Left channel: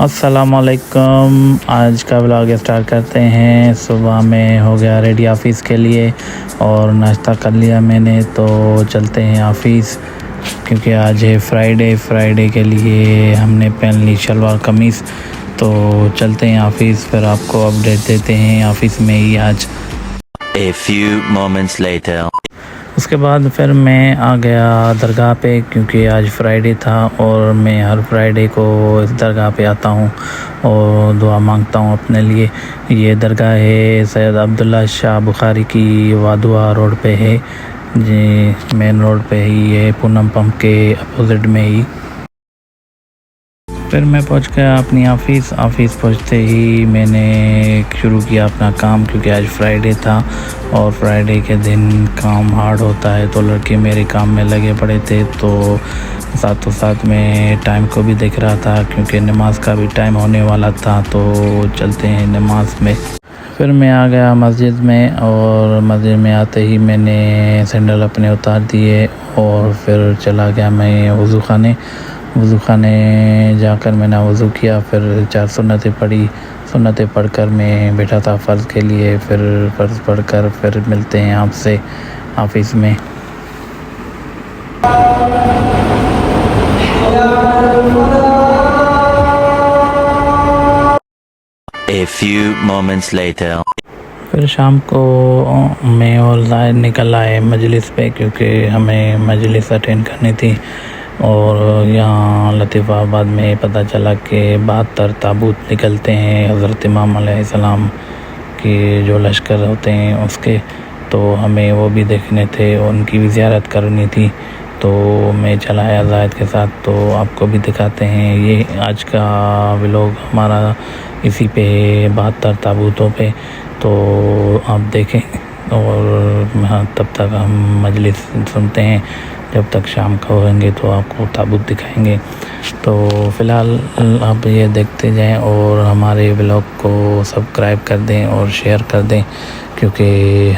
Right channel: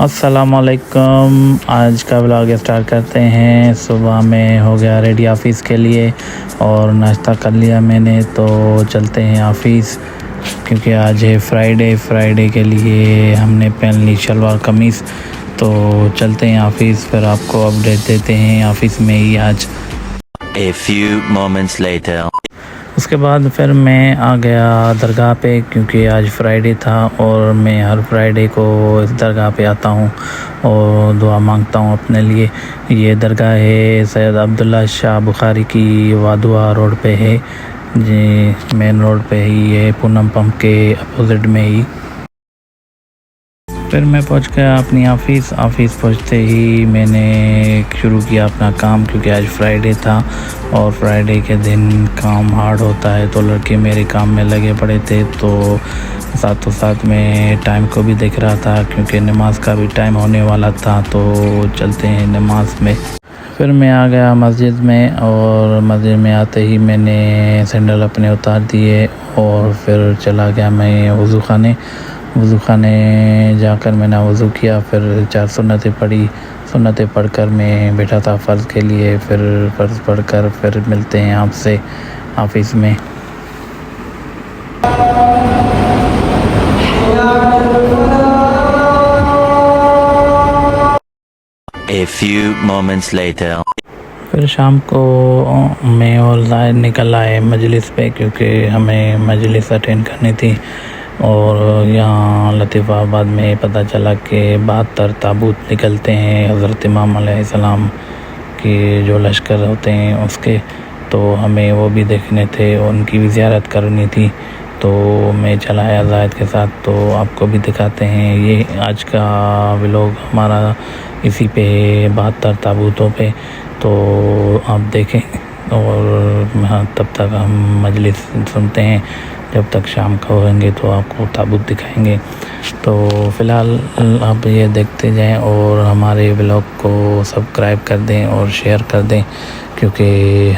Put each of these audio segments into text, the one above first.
अस्सलामुअलैकुम। आज का व्लॉग स्टार्ट करते हैं। सुबह में हो गया रेडी ऑफ़िस के लिए और नाश्ता कर लिया मैंने, तो चलते हैं ऑफ़िस क्योंकि आज है फ्राइडे के लिए हमने पहन ली शलवार कमीज़। तो चलते हैं ऑफ़िस, फिर आपको अपडेट देते हैं ऑफ़िस में ही आज। A few moments later. उसके बाद फिर मैं आ गया दरगाह पे क्योंकि आज फ्राइडे था और मैं हर फ्राइडे को इस दरगाह पे आता हूँ और दुआ मांगता हूँ अपने लिए। ये दरगाह है सैयद अब्दुल्ला शाह बुखारी की, वादुआ रोड पे है जी, मेन रोड पे ही है, पूनम पंप के अपोजिट में ही। फिर मैं पहुंच गया अपनी ऑफ़िस पहुंचते ही मैंने शुरू किया अपना काम क्योंकि आज फ्राइडे था और फ्राइडे के दिन काम हार्ड होता है, तो लड़के मेरे काम में लगे पड़े थे। तो साथों साथ में टाइम को भी देख रहा था क्योंकि नमाज का भी टाइम होने वाला था, तो चलते हैं नमाज में। फिर मैं आ गया मस्जिद में और मस्जिद में आते ही मैंने सैंडल अपने उतार दिए और फिर चला गया मैं वज़ू खाने जाकर मैंने वज़ू किया। फिर 4 सुन्नतें पढ़कर मैं बैठा था फ़र्ज़ के लिए। फिर फ़र्ज़ पढ़कर फिर मिलते हैं आपसे ऑफ़िस में। A few moments later. फिर शाम को मैं और ज़ाहिद निकल आए मजलिस पे क्योंकि हमें मजलिस अटेंड करनी थी। और यहाँ लतीफ़ाबाद में पता चला कि 72 ताबूत निकलते हैं हज़रत इमाम अलैहिस्सलाम के जो लश्कर होते हैं उसके, तो हमें वो भी देखने थे, उनकी भी ज़ियारत करनी थी। तो मैं चला आया ज़ाहिद के साथ, तो आपको भी दिखाते हैं। ये आज का व्लॉग हमारा इसी पे 72 ताबूतों पे, तो आप देखें और हाँ, तब तक हम मजलिस सुनते हैं। जब तक शाम का होंगे तो आपको ताबूत दिखाएंगे। तो फ़िलहाल आप ये देखते जाएं और हमारे व्लॉग को सब्सक्राइब कर दें और शेयर कर दें क्योंकि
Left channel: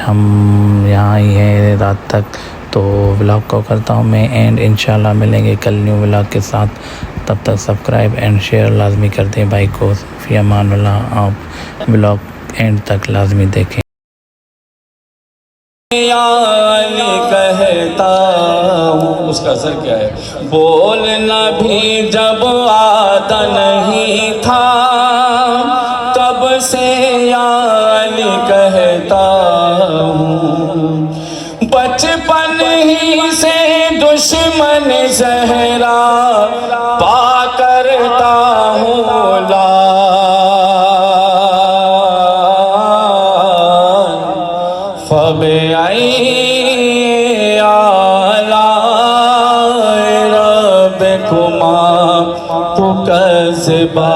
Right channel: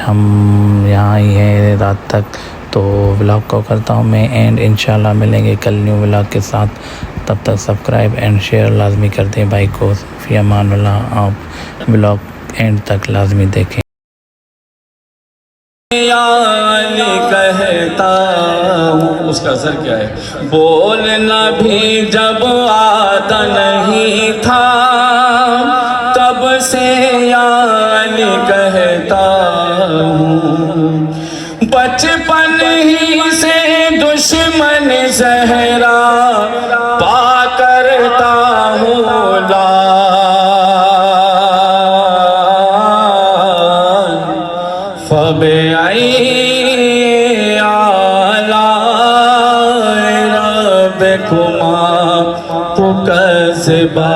हम यहाँ ही हैं रात तक। तो व्लॉग को करता हूँ मैं एंड इंशाल्लाह मिलेंगे कल न्यू व्लॉग के साथ। तब तक सब्सक्राइब एंड शेयर लाजमी कर दें भाई को। फ़ी अमानिल्लाह। आप व्लॉग एंड तक लाजमी देखें। कहता हूँ उसका असर क्या है। बोलना भी जब आता नहीं था तब से यार कहता हूँ। बचपन ही से दुश्मन सहरा पा करता हूँ फबे खुमा पुकसबा।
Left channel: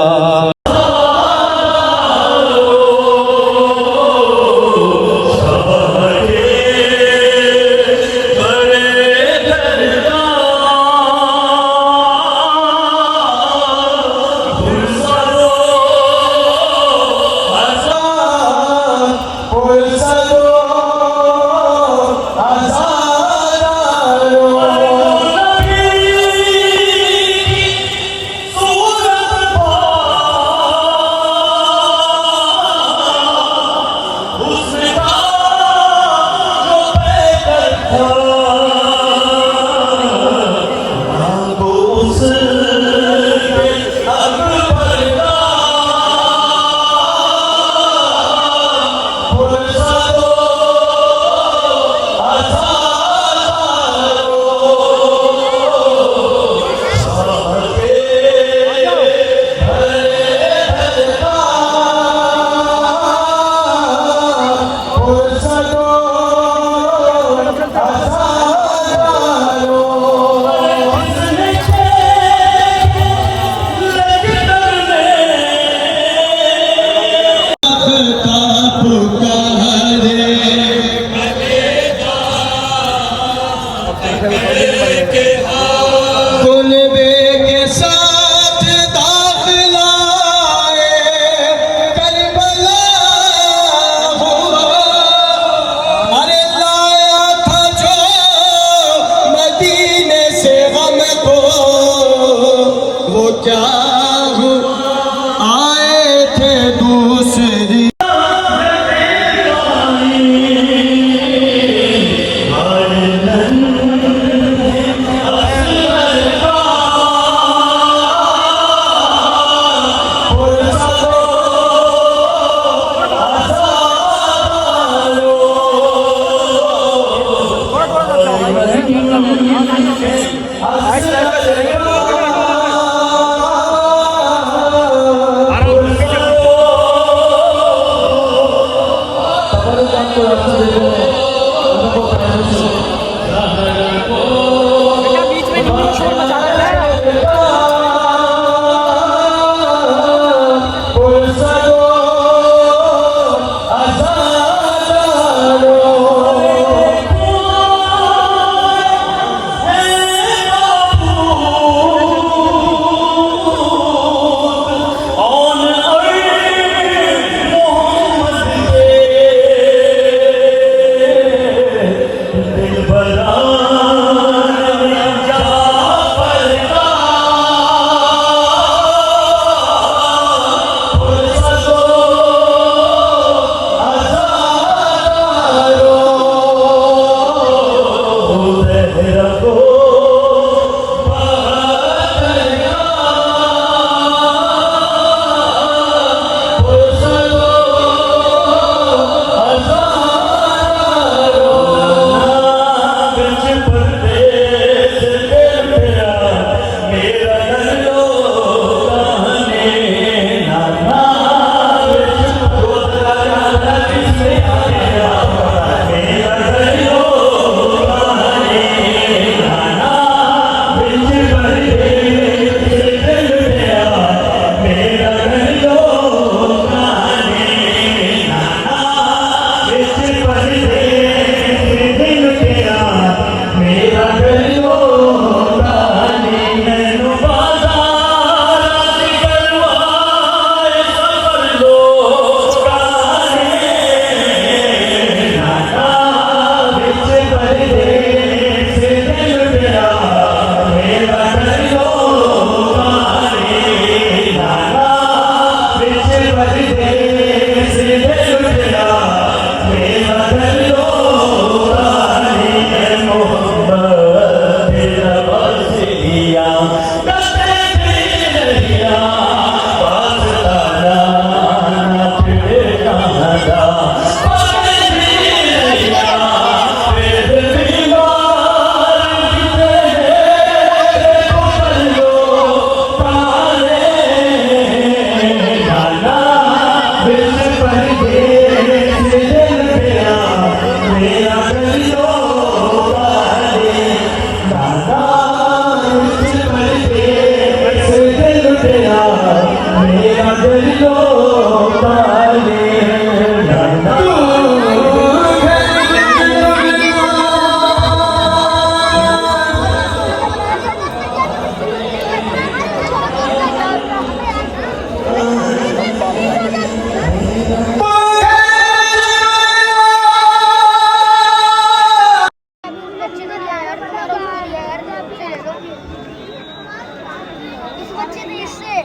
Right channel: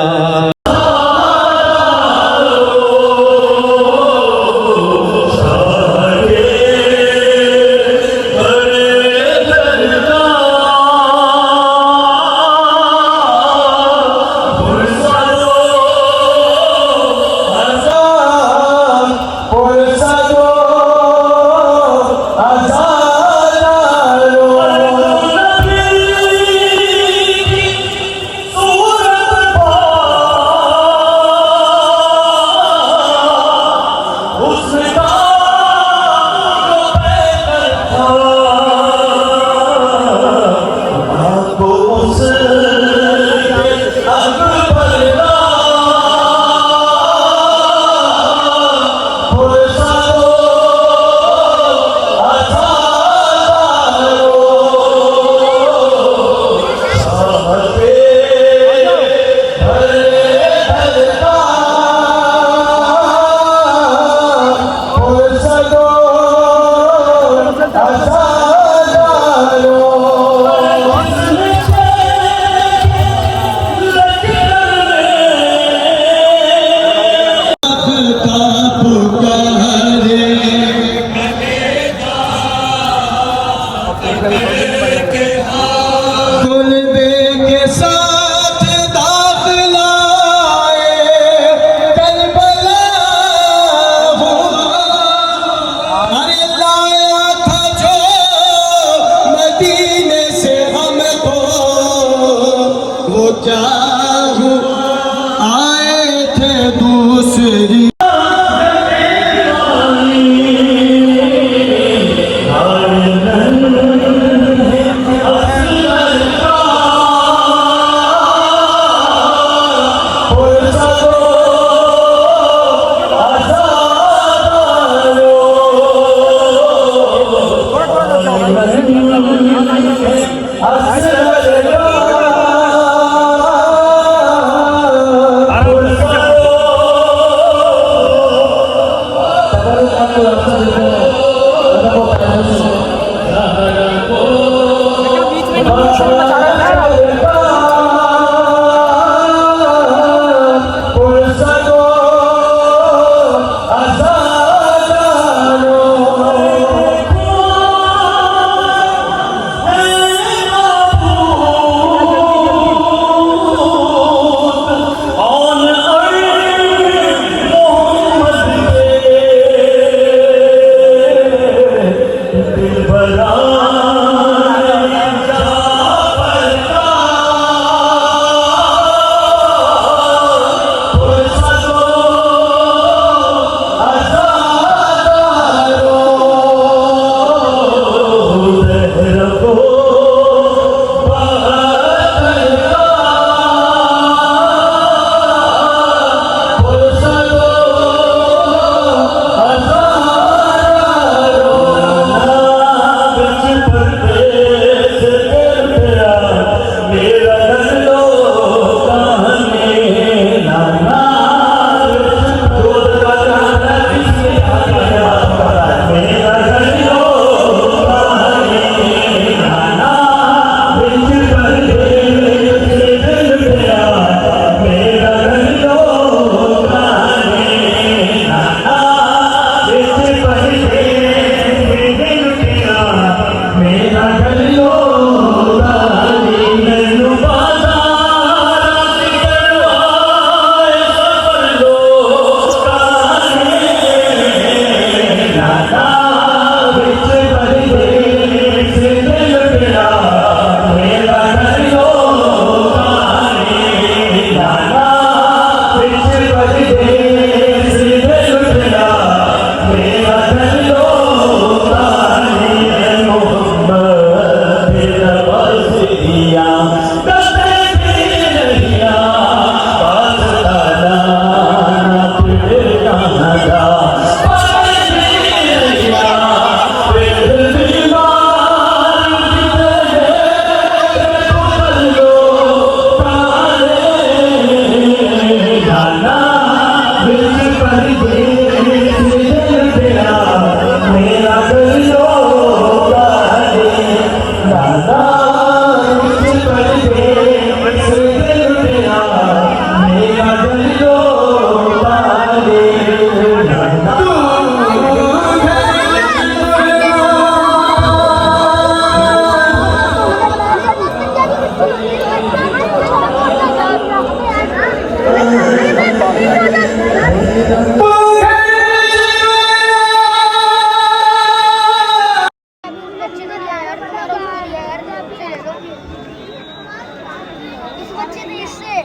इस बच्चे ने इससे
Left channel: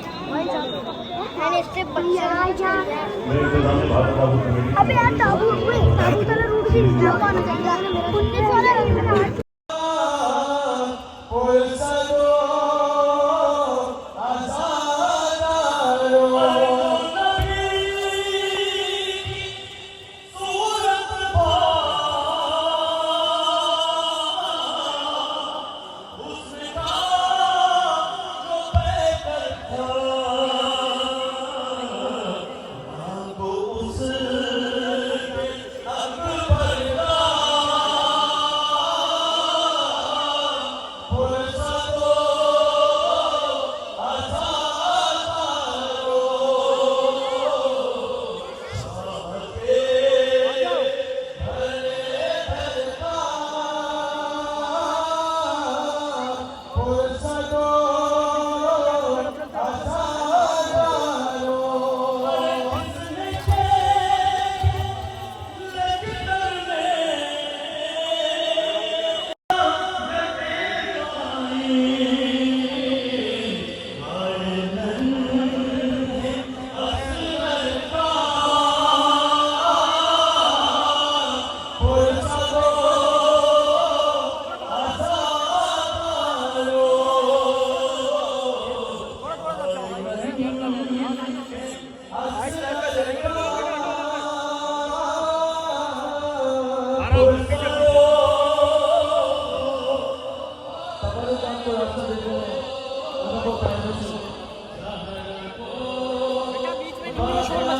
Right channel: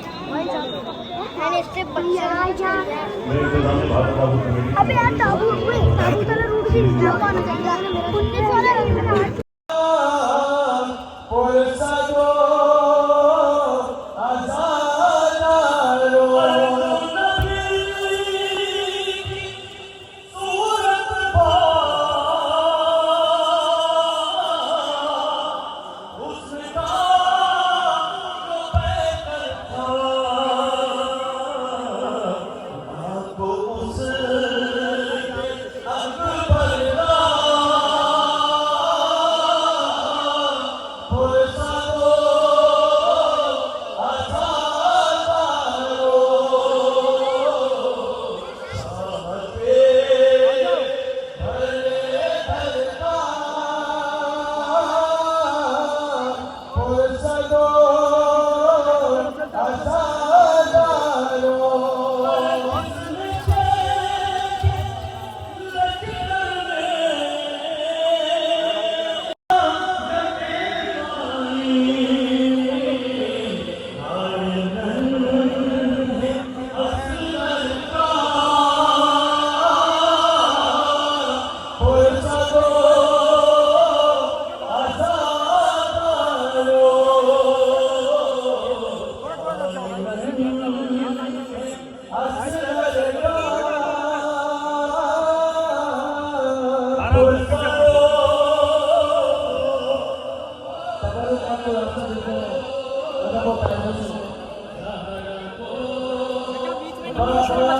मैंने इससे बच्चा अबे यार ताबूत वाला रूट भी लंबा होना चाहिए 19 वाला रखना Thank you.